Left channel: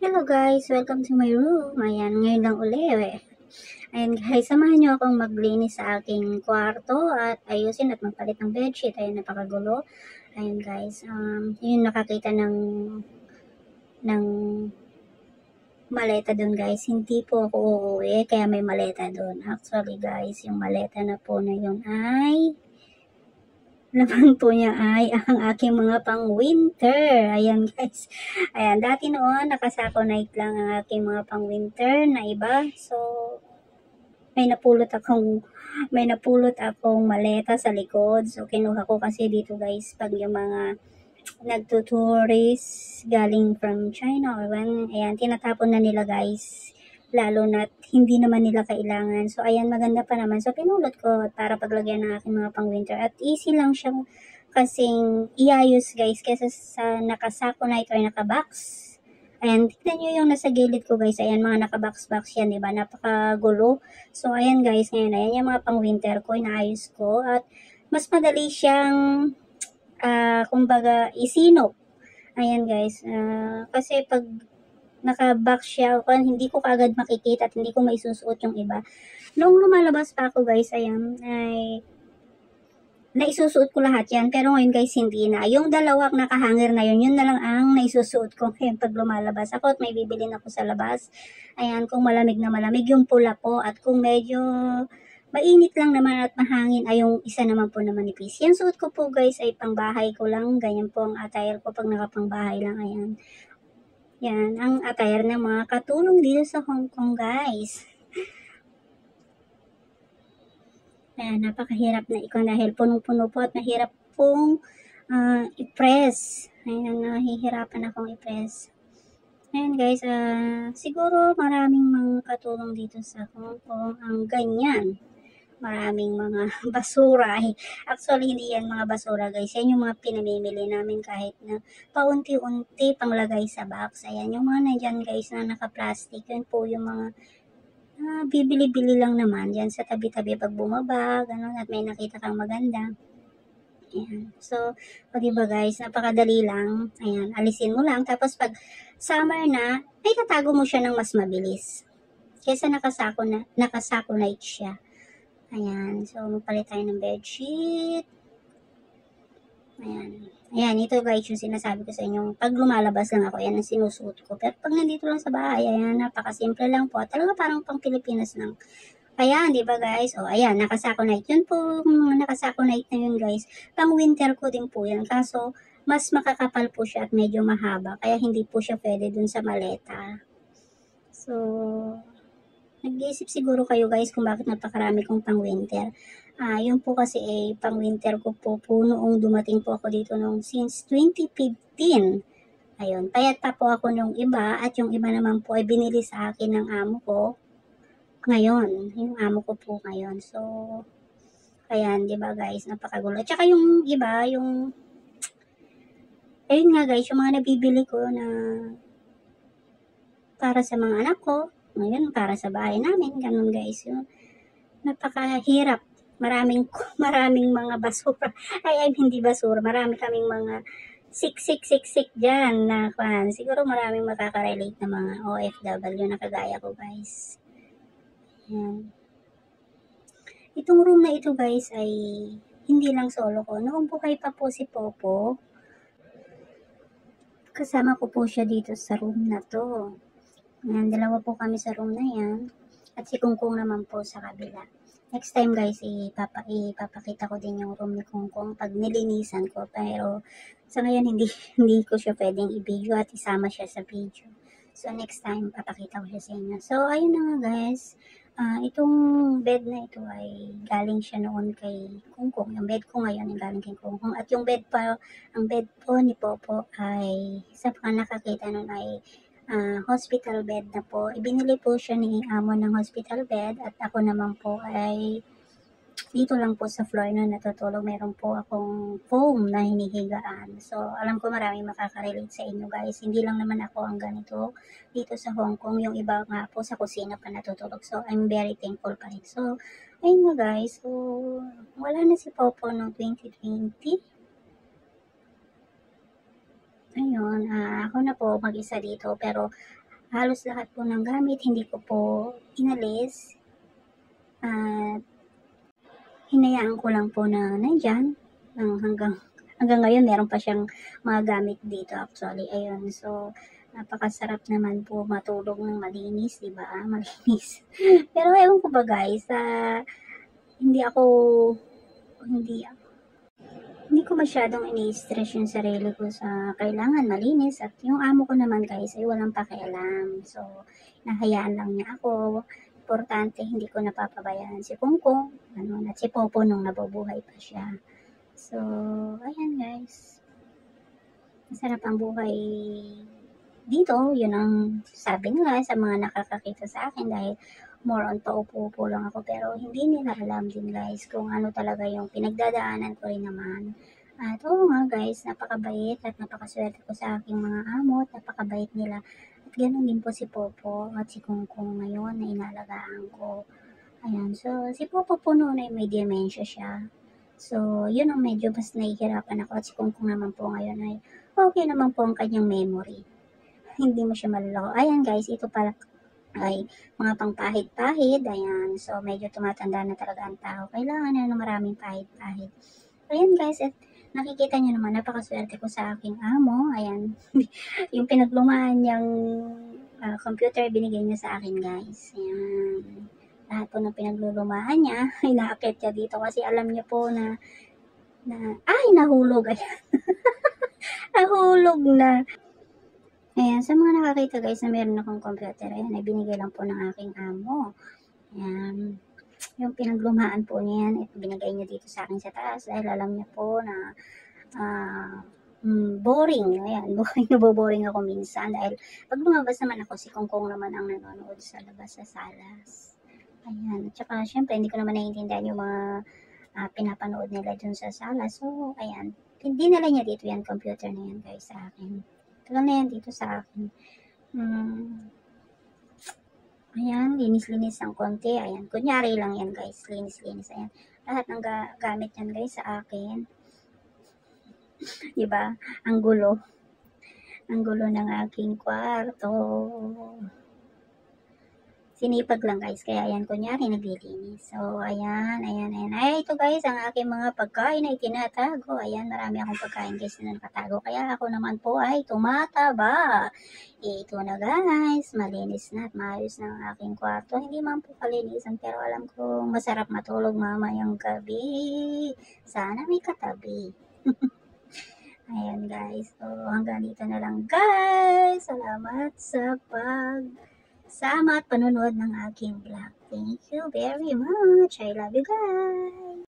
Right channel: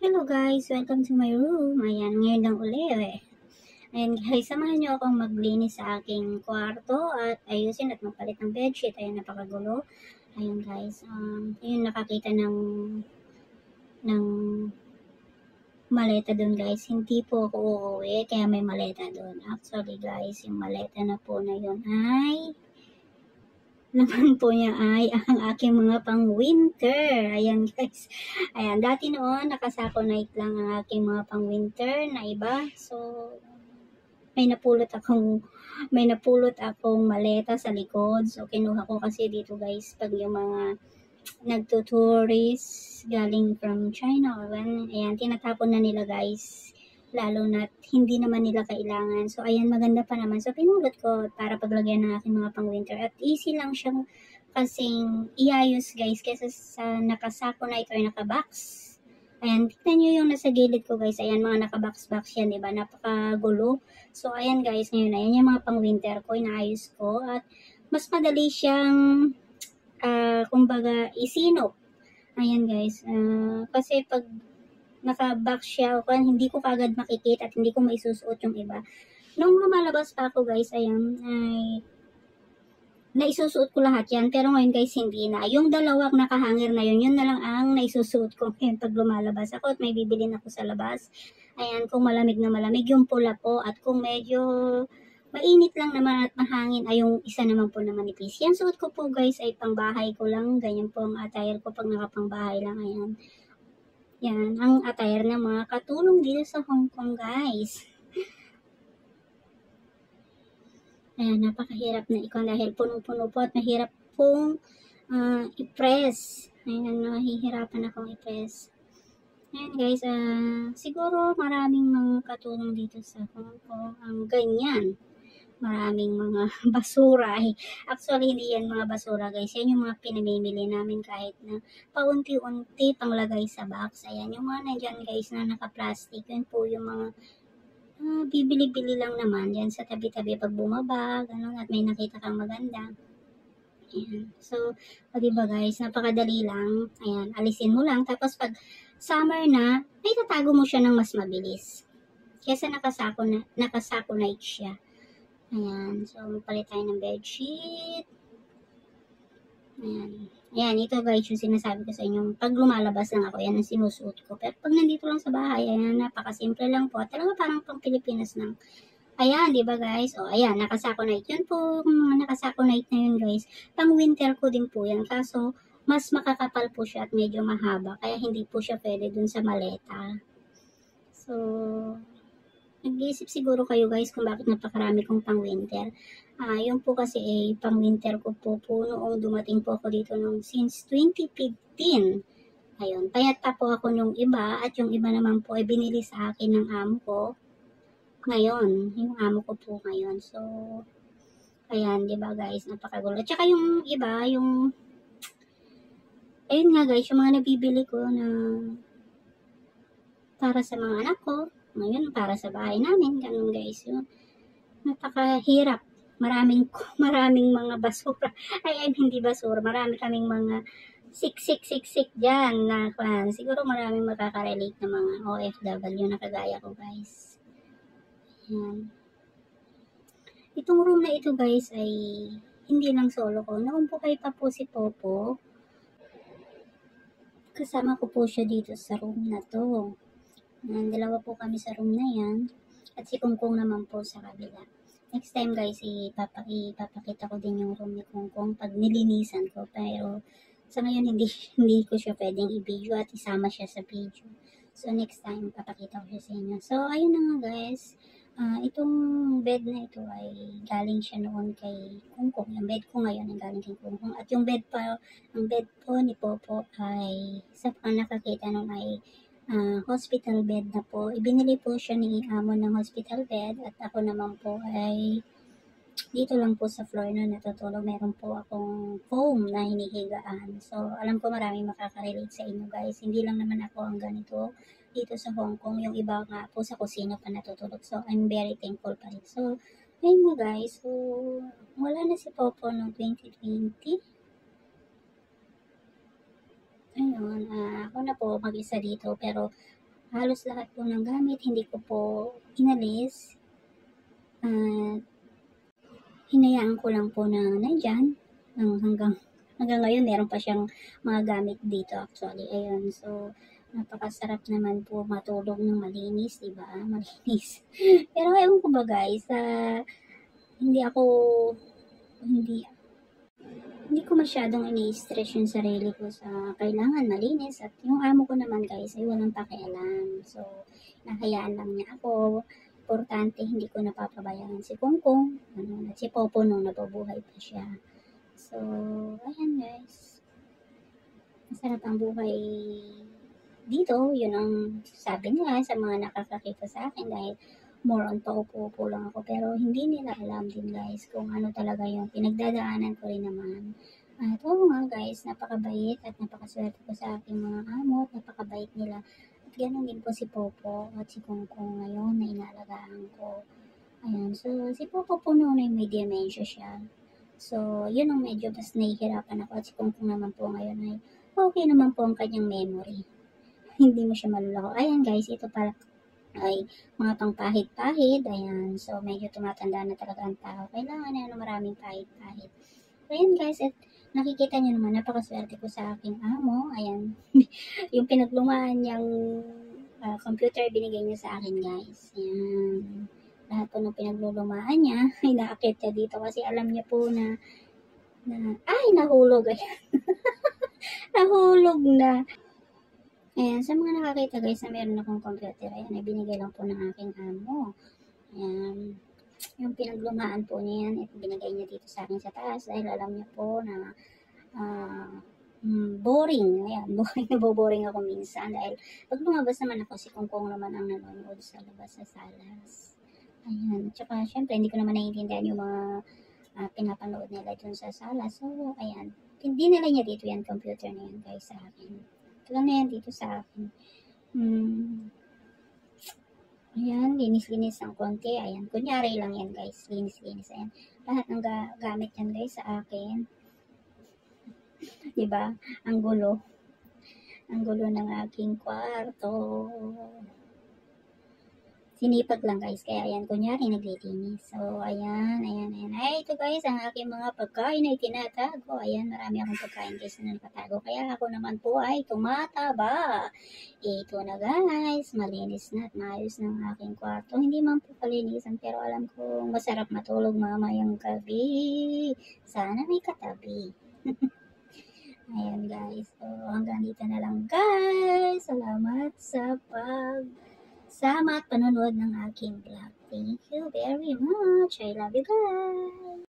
Hello guys! Welcome to my room. Ayan, ngayon lang uli eh. Ayan guys, samahan nyo akong maglinis sa aking kwarto at ayusin at magpalit ng bedsheet. Ayan, napakagulo. Ayan guys, yun nakakita ng maleta dun guys. Hindi po ako uuwi, kaya may maleta dun. Actually guys, yung maleta na po na yun ay laman po niya ay ang aking mga pang winter. Ayan guys. Ayan, dati noon nakasako night lang ang aking mga pang winter na iba. So may napulot akong maleta sa likod. So kinuha ko kasi dito guys pag yung mga nagtutourist galing from China or when, ayan, tinatapon na nila guys. Lalo na hindi naman nila kailangan. So ayan, maganda pa naman. So pinulot ko para paglagyan ng aking mga pang winter. At easy lang siyang kasing iayos guys kesa sa nakasako na ito ay nakabox. Ayan, tignan nyo yung nasa gilid ko guys. Ayan, mga nakabox-box yan, diba? Napakagulo. So ayan guys, ngayon, ayan yung mga pang winter ko, inaayos ko. At mas madali siyang kumbaga isinop. Ayan guys, kasi pag naka-box siya, hindi ko kaagad makikita at hindi ko maisusuot yung iba. Nung lumalabas pa ako guys, ayan, ay naisusuot ko lahat yan. Pero ngayon guys, hindi na. Yung dalawang nakahanger na yun na lang ang naisusuot ko ngayon pag lumalabas ako at may bibilin ako sa labas. Ayan, kung malamig na malamig yung pula po at kung medyo mainit lang naman at mahangin ay yung isa naman po na manipis. Yan suot ko po guys ay pangbahay ko lang. Ganyan po ang attire ko pag nakapangbahay lang. Ayan. Yan, ang attire ng mga katulong dito sa Hong Kong guys. Ayan, napakahirap na ikon dahil punong-puno po at mahirap pong i-press. Ayan, nahihirapan akong i-press. Ayan guys, siguro maraming mga katulong dito sa Hong Kong ang ganyan. Maraming mga basura. Actually, hindi yan mga basura guys. Yan yung mga pinamimili namin kahit na paunti-unti panglagay sa box. Ayan, yung mga nandyan guys na naka-plastic. Yan po yung mga bibili-bili lang naman. Yan sa tabi-tabi pag bumaba, ganun, at may nakita kang maganda. Ayan. So, diba guys, napakadali lang. Ayan, alisin mo lang. Tapos pag summer na, ay tatago mo siya ng mas mabilis. Kesa nakasako night siya. Ayan, so magpalit tayo ng bedsheet. Ayan. Ayan, ito guys yung sinasabi ko sa inyo. Pag lumalabas lang ako, yan ang sinusuot ko. Pero pag nandito lang sa bahay, ayan, napakasimple lang po. Talaga parang pang Pilipinas lang. Ayan, di ba guys? O, ayan, nakasako night. Yun po, mga nakasako night na yun guys. Pang winter ko din po yan. Kaso, mas makakapal po siya at medyo mahaba. Kaya hindi po siya pwede dun sa maleta. So, nag-iisip siguro kayo guys kung bakit napakarami kong pang winter. Yun po kasi pang winter ko po noong dumating po ako dito nung since 2015. Ayun, payat pa po ako nung iba at yung iba naman po ay binili sa akin ng amo ko. Ngayon, yung amo ko po ngayon. So, ayan, di ba guys, napakagulo. At saka yung iba, ayun nga guys, yung mga nabibili ko na para sa mga anak ko, ngayon para sa bahay namin, ganun guys. Yung napakahirap. Maraming mga basura. Hindi basura. Marami kaming mga siksik dyan na siguro maraming makaka-relate na mga OFW na kagaya ko guys. Ayan. Itong room na ito guys ay hindi lang solo ko. Noong buhay pa po si Popo, kasama ko po siya dito sa room na to. Ayan, dalawa po kami sa room na yan. At si Kungkung naman po sa kabila. Next time guys, ipapakita ko din yung room ni Kungkung pag nilinisan ko. Pero sa ngayon, hindi ko siya pwedeng i-video at isama siya sa video. So next time, papakita ko siya sa inyo. So ayun na nga guys. Itong bed na ito ay galing siya noon kay Kungkung. Yung bed ko ngayon ay galing kay Kungkung. At yung ang bed po ni Popo ay sa mga nakakita nun ay hospital bed na po. Ibinili po siya ni amo ng hospital bed at ako naman po ay dito lang po sa floor na natutulog. Meron po akong foam na hinihigaan. So, alam ko marami makaka-relate sa inyo guys. Hindi lang naman ako ang ganito dito sa Hong Kong. Yung iba nga po sa kusina pa natutulog. So, I'm very thankful pa rin. So, ayun nga guys. So, wala na si Popo noong 2020. Ayun, ako na po mag-isa dito pero halos lahat po ng gamit hindi ko po inalis at hinayaan ko lang po na nandyan hanggang ngayon meron pa siyang mga gamit dito actually. Ayun, so napakasarap naman po matulog ng malinis, di ba? Malinis. Pero ewan ko ba guys, hindi ako hindi hindi ko masyadong ini-stress yung sarili ko sa kailangan malinis at yung amo ko naman guys ay walang pakialam. So, nahayaan lang niya ako. Importante hindi ko napapabayaan si Kongkong, at si Popo nung nabubuhay pa siya. So, ayan guys. Masarap ang buhay dito. Yun ang sabi nila sa mga nakakakita sa akin dahil more on paupo-upo lang ako pero hindi nila alam din guys kung ano talaga yung pinagdadaanan ko rin naman. At oo nga guys, napakabait at napakaswerte ko sa aking mga amo at napakabait nila. At ganoon din po si Popo at si Kongkong ngayon na inalagaan ko. Ayan, so si Popo po noon ay may dementia siya. So, yun ang medyo mas nahihirapan ako at si Kongkong naman po ngayon ay okay naman po ang kanyang memory. Hindi mo siya maloloko. Ayan guys, ito pala ay mga pangpahid-pahid. Ayan, so medyo tumatanda na talaga ang tao. Kailangan na ng maraming pahid-pahid. Ayan guys, at nakikita nyo naman, napakaswerte ko sa aking amo. Ayan, yung pinaglumaan niyang computer binigay niya sa akin guys. Ayan, lahat po ng pinaglulumaan niya, inaakit niya dito kasi alam niya po na nahulog. Ayan. Nahulog na. Ayan, sa mga nakakita guys na meron akong computer, ayan, ay binigay lang po ng aking amo. Ayan, yung pinaglumaan po niyan, binigay niya dito sa akin sa taas dahil alam niya po na boring. Ayan, boring ako minsan dahil pag lumabas naman ako, si Kongkong naman ang nanonood sa labas sa salas. Ayan, at saka syempre hindi ko naman naiintindihan yung mga pinapanood nila dun sa salas. So, ayan, dinala niya dito yan, computer na yan guys sa akin. Tagal na yan dito sa akin. Ayan, linis-linis ng konti. Ayan, kunyari lang yan guys. Linis-linis. Ayan. Lahat ng gamit yan guys sa akin. Diba? Ang gulo. Ang gulo ng aking kwarto. Sinipag lang guys. Kaya ayan, kunyari naglilinis. So, ayan. Ay, ito guys, ang aking mga pagkain ay tinatago. Ayan, marami akong pagkain guys na nakatago. Kaya ako naman po ay tumataba. Ito na guys, malinis na at maayos na ang aking kwarto. Hindi man po kalinisan pero alam ko masarap matulog mamayang gabi. Sana may katabi. Ayan guys, so hanggang dito na lang guys. Salamat sa pagsama at panonood ng aking vlog. Thank you very much. I love you guys.